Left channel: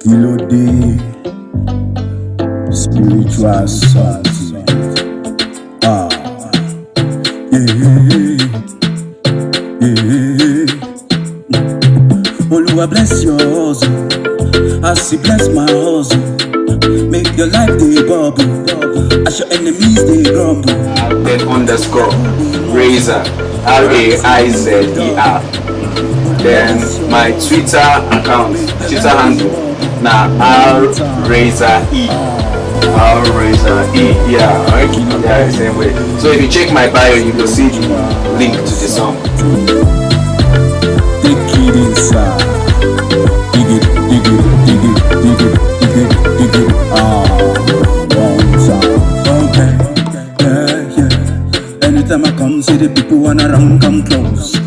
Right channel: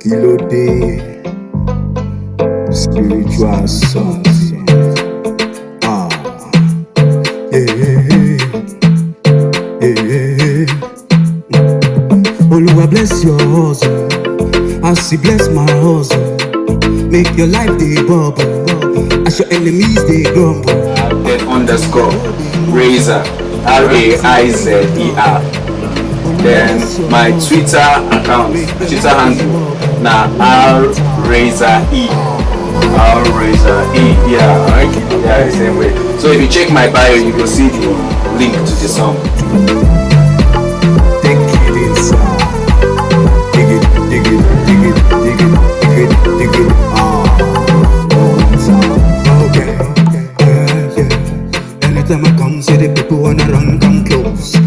Kilo day, spiritual something. Oluwa bless your hustle, as He bless my hustle. Make your life dey bubble, as your enemies dey grumble. Then underscore Razor, RAIZER. Then my Twitter account, Twitter handle, na RRazor. Yeah, the same way. So if you check my bio, you will see the link to the song. Take it inside, dig it, dig it, dig it, dig it, dig it, dig it. One time, okay, yeah. Anytime I come, see the people wanna run, come close.